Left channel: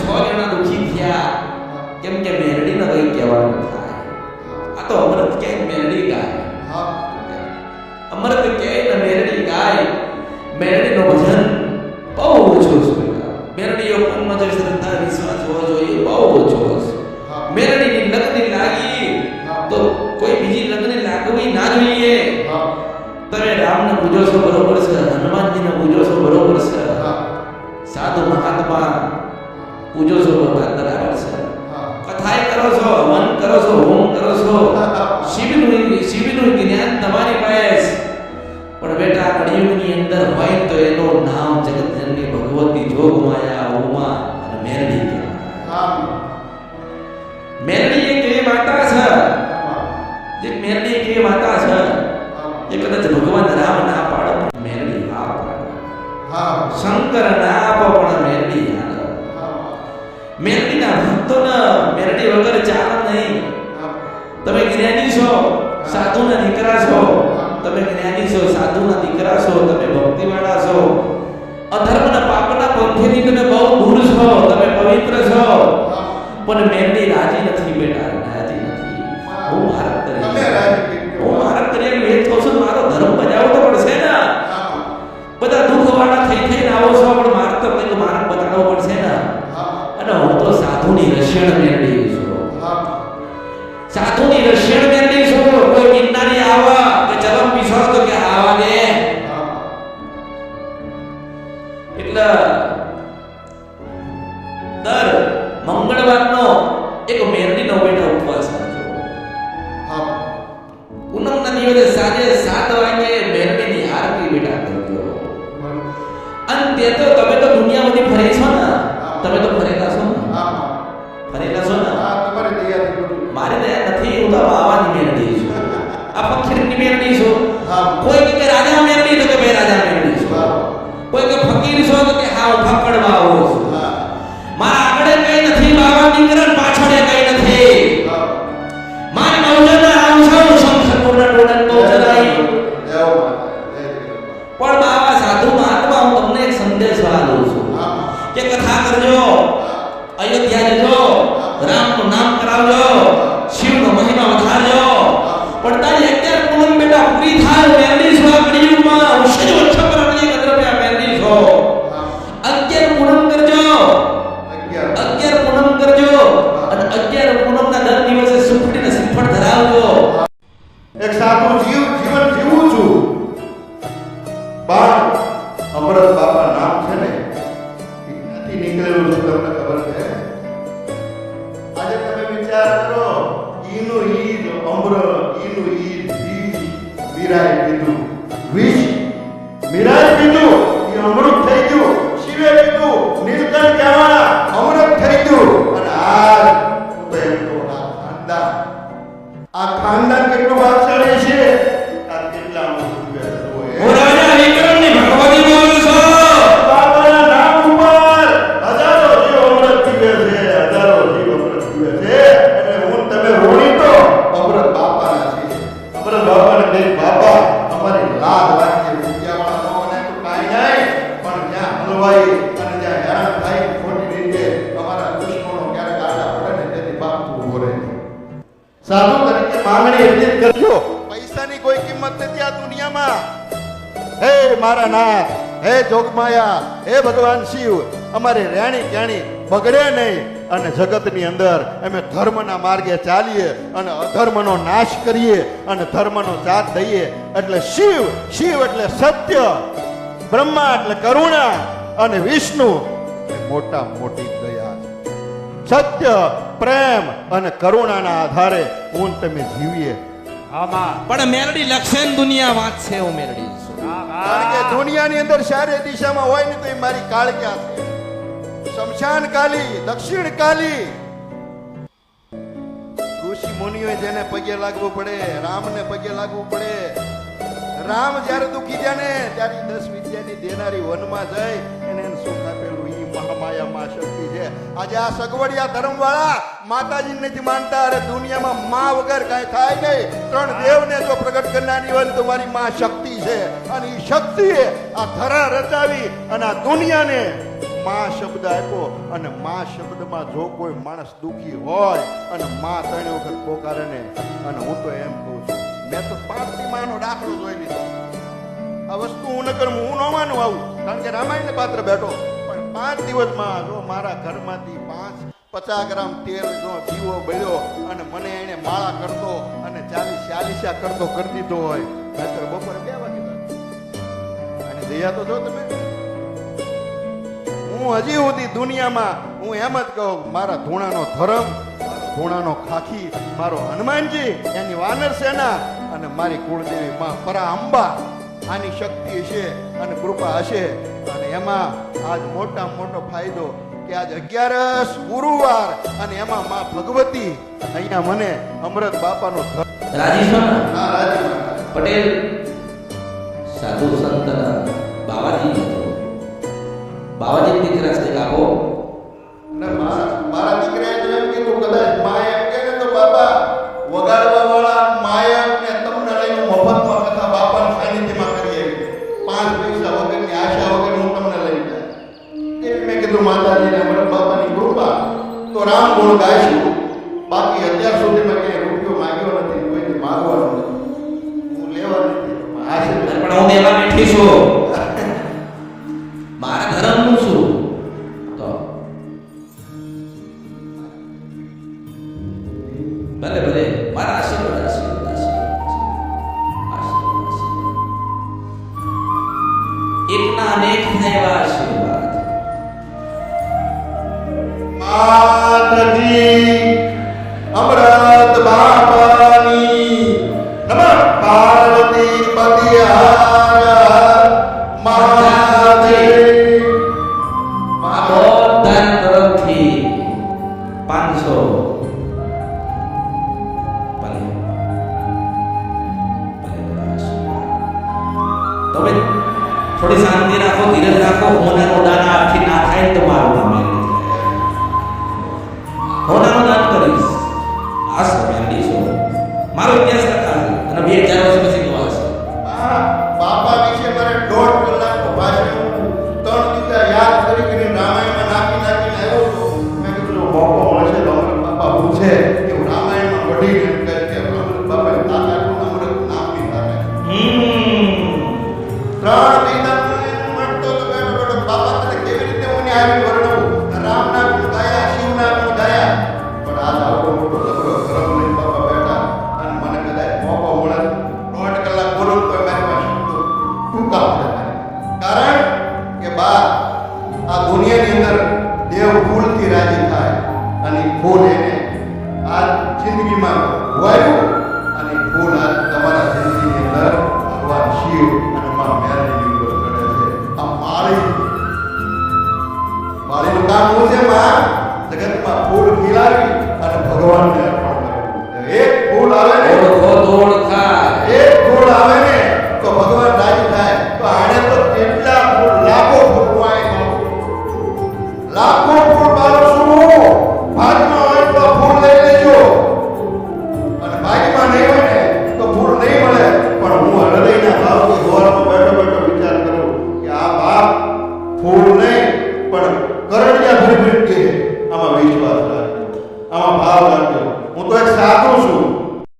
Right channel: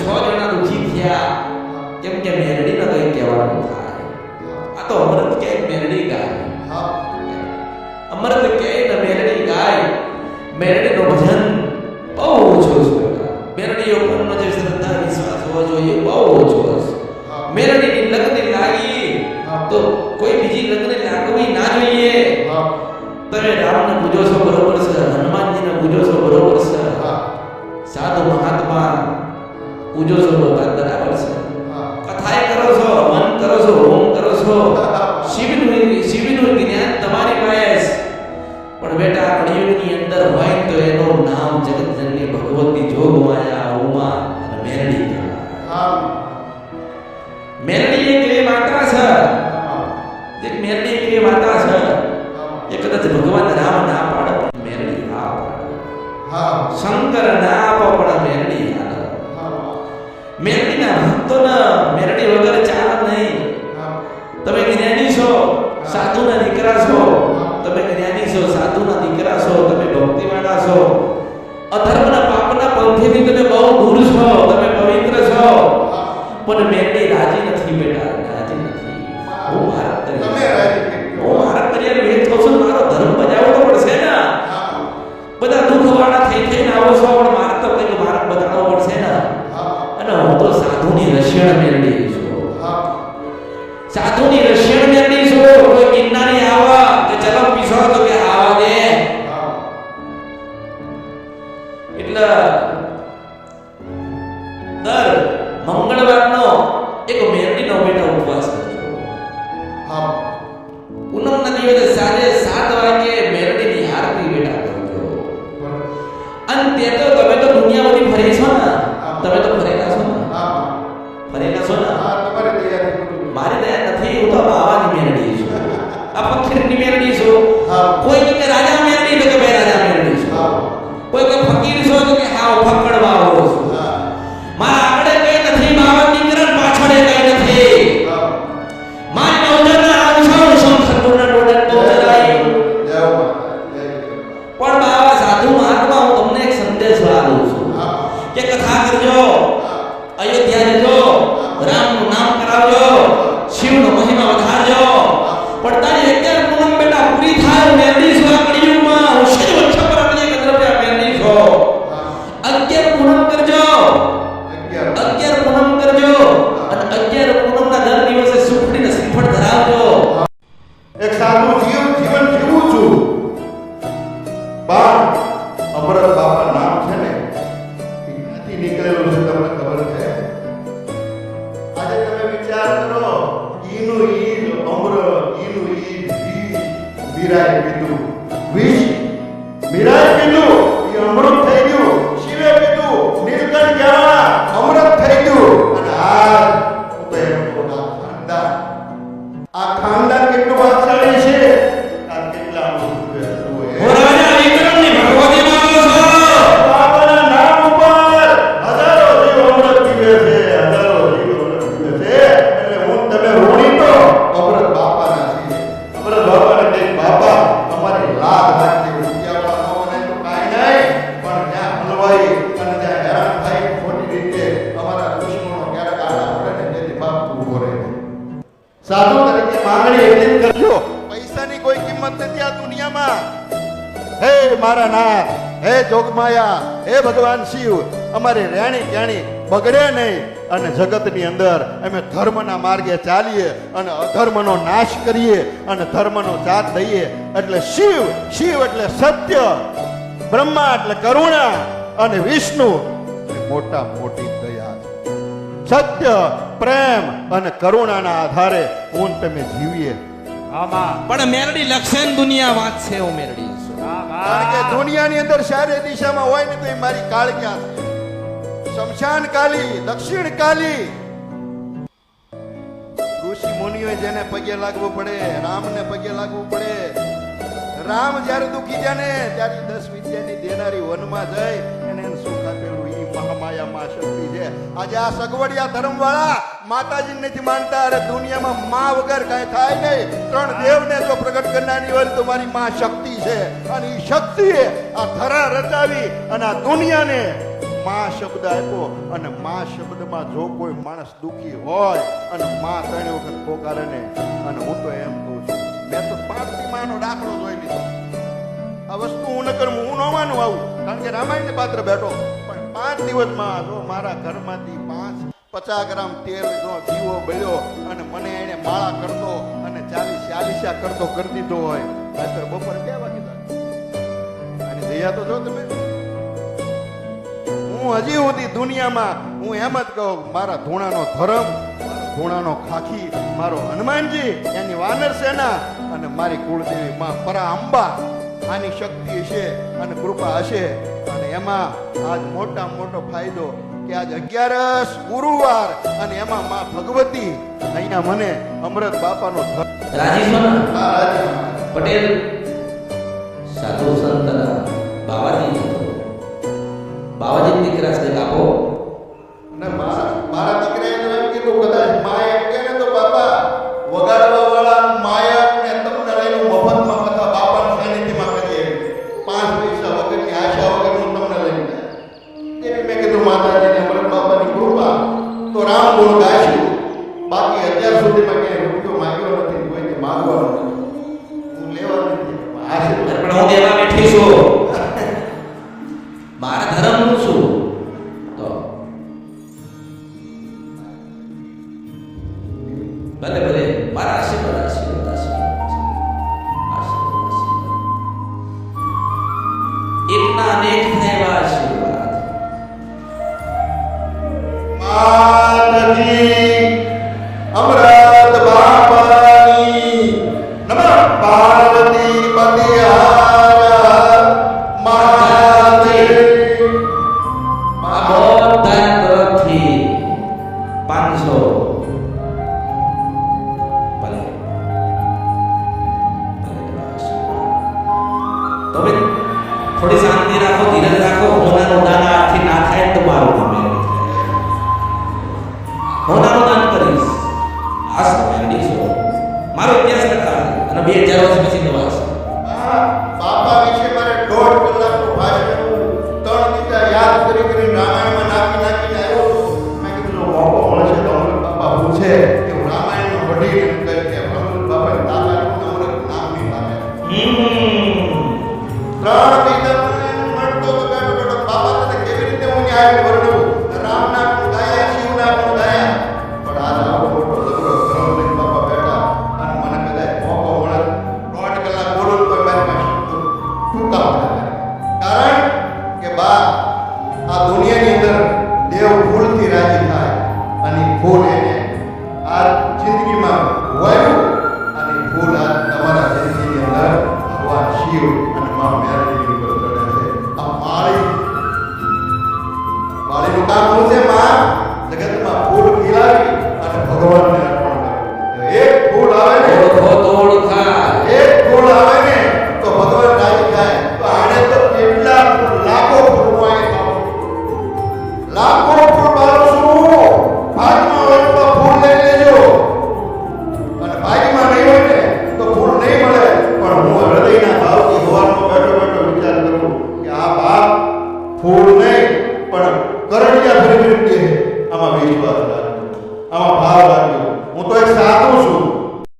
જણા દુખી થયા કેમ કે મેલડીને કઈ કહેવાનું થાય. આ તો અમૃત કે મેલડી ગાય, અમૃત કે ને મેલડી ગાય. મેલડીનું ભજન બહુ ઓછું છે. મેલડી ઉપરનો જે શ્રદ્ધા વિશ્વાસ હોવો જોઈએ બહુ ઓછો છે. મેલડીની લગ્ન લાગી તો કોઈ બીજી લગ્ન લાગવી ના જોઈએ. તમે રામને પૂજો છો બરોબર છે, હનુમાનજીને પૂજો છો બરોબર છે, સાધુ મહાત્મા પૂજો છો બરાબર છે, કથાએ કરો છો, હવન કરો છો, હોમ કરો છો, શિવનું જ્ઞાન તમારી પાસે. પણ બેટા કળિયુગની અંદર હોય તો એનું નામ જગતજનની ભગવતી જોગમાયા ઉમા અને મેલડી કહેવાય. મેલડી એક એવી માતા છે, એક મેલડી એક એવી માતા છે એ કદાચ ભગવાન રામ ના પાડે પણ મેલડી હા પાડે, શંકર ના આપો પણ મેલડી હાલે. મેલડીના ભક્તોને મેલડી વગર ચાલે નહીં. તમે જ્ઞાની છો, સાધુના દીકરા છો, તમે જ્ઞાની છો, સાધુના દીકરા છો, તમે ભક્તિવાળા છો, અધર્મના પાપના પંથેથી તમે બહુ દૂર છો, તમે પવિત્ર છો. પણ મેલડી રાજી નથી બેટા, રાજી નથી. હું મારક કરી, તમે રાજી કેટલો, હું મારક કરી વેચ કહું છું, મારો ધર્મ બજાવવો તો પડશે ને. બધા દુઃખવાળા થઈ થઈને આવો છો પણ માર્ગ તો કંઈક માર્ગ બતાડવો પડશે ને. અને હું તો સાધુની રશિયણ મેલડી છું, સાધુની રશિયણ મેલડી છું. કોઈ ગિરનારી આવા કે ચલમ પીસો તો કે આવા દે. એટલે દર મંગળવારનો એક મેલડીનો બેટા ઉપવાસ કરજો. પૂનમના દિવસે સાંજે 7 વાગે મેલડીની આરતી બેટા કરજો. અને તે તો તમે તો દુનિયા બધી ફરી છો ને, તમે તો ફરેલા છો ને, ફરેલા છો ને. તમારી દયાથી બધું, મારી દયા નથી. હું તો બાવાની મેલડી છું, આ ફકીરની મેલડી છું. કોઈ કે રાજા મેલડી તો કે ભાઈ રાજા મેલડી છું. કોઈ કે ફકીર છો તો કે હા હું ફક્કડ બાવો છું. મારા આગળ કઈ નથી, બાવા દીકરા પાછળ કઈ નથી. મારી બહુજનના રામ છું, શંખરપુરના ટોળાની બહુજન આવી. પણ બાવા સાધુ મહાત્મા હું તમને એક સંદેશ આપું છું કે કથા કરજો, અયોધ્યા જજો, રામનું નામ કરાવજો, શિવનો મહિમા વધારજો. પણ તારી 11 પૂનમ બેટા પૂરી થાય. હું મેલડી છું આ કળિયુગમાં, હું સેજ વચ્ચે પર અનેક દ્રવ્ય મેલડી છું. 11 પૂનમ કરજો, 11 પૂનમ કરજો. અને 11 પૂનમના દર દિવસે સુખડીને શ્રીફળ ધરાવજો. એક સાધુ જીવન જીવું છું. પણ અમૃત બાપા નામ છે ને ક્યાંથી નીકળેલું છે તમને ખબર છે? આજે તમે વિચાર કરો, ઈનું ઈજ અમૃત, ઈનું ઈજ બીજ મીરાએ પીધું, વિષ મીરાએ પીધું, એ અમૃત થઈ ગયું. શિવે પીધું, નીલકંઠ કહેવાના અમૃત થઈ ગયું. અને આજ હું તો એમ કહું, આ ખાનદાન કેટલું ભાગશાળી છે, આ કેટલા અમૃત પીવે છે. હું રાજા વિક્રમની ભગવતી બોલું છું. બાબાના નામ ઉપર હજારો જીવ અમૃત પીવે છે, હજારો જીવ અમૃત પીવે છે. એટલે હું તમે રોણી તો અમૃત બાપાના છીએ. અમૃત બાપાને કઈક બાપા અમારી લાગ રાખી રૂપિયાવાળા ન બનાય તો કાંઈ નહીં, પણ જ્યાં હલવાઈ અને જ્યાં હેરાન થાય ખોટી રીતે અમારા દુશ્મનો ક્યારેક આડા પડે ને તેથી બાપ તું ઉભો રહે. સાધુ તરીકે માંગણી એટલી જ કરજો, પૈસાની કોઈ કિંમત નથી આ દુનિયામાં. હે મારા નાથ, હે જોગમાયા, હે ભગવાન શિવ, અમારી રેણી ક્યાણી બગડે નહીં અને જગતની અંદર અમે ધર્મના માર્ગે ચાલીએ અને અધર્મનો નાશ કરીએ અને ધર્મનો સાથ દઈએ. એટલે શિવ, શિવ એટલે સત્ય, બ્રહ્મા એટલે કરુણા અને વિષ્ણુ એટલે મોટા મોટી દયા. સત્ય, પ્રેમ અને કરુણાના આધારે હું તમે જીવીએ. પણ મેલડી લક્ષણ દુનિયા વાંચશે. હું મેલડી છું કારણ કે દુનિયાની અંદર ચારે દિશામાં હોય ને તો એ મારી કાળક્યા છે. શમશાન કાલી, દક્ષિણ કાલી. ઋષિ મુનિઓએ જેને પગે લાગવું પડે, રામને પગે લાગવું પડે. રામ જ્યારે દુખી થયા ને ત્યારે 10 વિદ્યાની દેનારી વનમાં જઈ એને સુખ આપેલું ઈ મહામાયા માં શક્તિ છે. આજે આ સગવડિયા ધર્મવાળા માતાજી નથી માનતા. અરે દુનિયામાં માં વગર કાંઈ થાય નહીં. 3 દેવને જો પ્રગટ કરનારી હોય તો મારી માં શક્તિ છે. અને ઈ શક્તિએ આ ધરા રચાવી અને આ દુનિયાને માં શબ્દ આપ્યો અને માં શબ્દમાં જો કોઈ માણસ દુખી હોય અને માં 3 વખત પોકારે ને, અને હું તો એમ કહું છું, મેં તો 5મી માનો દાખલો જોઈ લીધો. આ વસ્તુ હું ન કરું, હું ન માનું આવું, કારણ કે રામાયણને પાત્ર બેઠો, પણ 5 દિવસમાં જો મારા ઘરમાંથી 50 ગ્રામ તેલ જો દીવો બળ્યો અને મને એને માળા કરતો અને 40 કરતો કરી દીધો હોય, નહીતર બપોરે 2 વાગે અને દયા તો જો તમે. હું હજી સુધી દુનિયામાં હું એમ જ કહું, મારા ધૂણાનો ધર્મ, મારો ધૂણાનો ખાખી, મારો હનુમાનજી, એની વાનર સેના અને મારી કુળદેવી માં પરા અંબા, આની શક્તિ હશે અને કૃપા હશે. અને એમાં આજ મોટામાં મોટો ફાયદો કે આજ 11 ગુરુવાર અને એમાં માં ભગવતી અહીંયા મને અમૃત બાપાનો રાજી છો ને? હા, રાજી. પટેલ સાધુ સંતના બાવાજી બાવાજી દીકરા છે, આપો. અને મારા દીકરાએ તો એમ કીધું, કદાચ માં એમ કે ને તો બાપા વગાડવા વાળા માયક ને તમને લઈને મફતમાં કથા બાપાના સાનિધ્યમાં કરીએ, 5 પૈસા વગરની આશા વગર હું તમને લઈને જાય. એવી મેં કીધું માતાજીને અમૃત બાપાની કૃપા તો રામ ગુણ ગાઈશું. બાકી અત્યાર સુધીમાં ક્યાંય રૂપિયો માંગ્યો નથી, કોઈથી માંગવાનું નથી, હું લેવા નથી આશીર્વાદ. પણ હું દેવા બેઠી છું, મારા ધર્મનું છું. તો ભલે ભલે મારા આશીર્વાદ આશીર્વાદ આશીર્વાદ આશીર્વાદ આશીર્વાદ એકના અનેક થાય એવા આશીર્વાદ. માતાજી અમૃત બાપાની નમઃ. પાર્વતી પતિહાર મહાદેવ. આ બધાના તરફથી 500 ભલે ભલે આશીર્વાદ. તમે થોડી શાંતિ રાખો, ધીરજ રાખો. હોનાનું દાન આજથી ના થાય ને તો મારું નામ મેળવી જાય. હોનાનું દાન કરીશ, આ મેળવી છો. મારો ઇતિહાસ લખાશે અને 2000 વર્ષ પછી નવાશે. બાપા વિશે મારે 1.5 કલાકનું ભાષણ 3 દીધા યાદ કરી રામાયણમાં નાખીને આવ્યો છું. મેં કીધું જો મોકો મળશે તો અમૃત બાપા હું છે કે હું રામાયણમાં વઢીને કહીશ કે અમૃત બાપાની તાકાત હું અમૃત નામની તાકાત. 3 દીધા એને મળતો તો બેઠો બેઠો બાપા તને કેવી રીતે હું આવીને વર્ણવું. રામના ગુણ ગાયા, શિવના ગુણ ગાયા, પણ આજ આવડો મોટો જબરો ધર્મ લઈને બાપા બેઠા અને મને કદાચ મોકો મળે 1.5 કલાક બોલું તો મારી પાસે ટૂંકા પડે. કારણ કે બા આ દુનિયાની અંદર દેવ ફૂલથી રાજી થાય અને ફૂલ એને આ જિંદગીમાં વાવ્યું અને ફૂલ આ તમારા જિંદગીની અંદર ભગવાન શિવ અને માં મેરડીની ઉપર ચડે છે. આ માળીનું કામ શું છે? માં જગતમાં ફૂલ ખીલાવી અને ભગવાનને અર્પણ કરવું. એક ફૂલ આવે ને તોડ ખાય, એક ફૂલ આવે ને તો ભગવાન રાજી થાય. તો આને તો કેટલા ફૂલ, લાખો ફૂલ હું અહીં લાખો ફૂલ બાળું છું. ભાગમાં હોય તો ફૂલ લઈ લેજો અને ભાગમાં નહીં હોય ને તો ફૂલ નહીં મળે. પણ હું હૃદયના ભાવથી સવારમાં બેઠો બેઠો વિચાર કરું કે આ બાપ ફૂલ નહીં પણ કરડિયા ફરી ફરી કહે, આમાં વિશ્વાસ રાખજો, આમાં ભાવ રાખજો. હું તો એક સાધુ છું,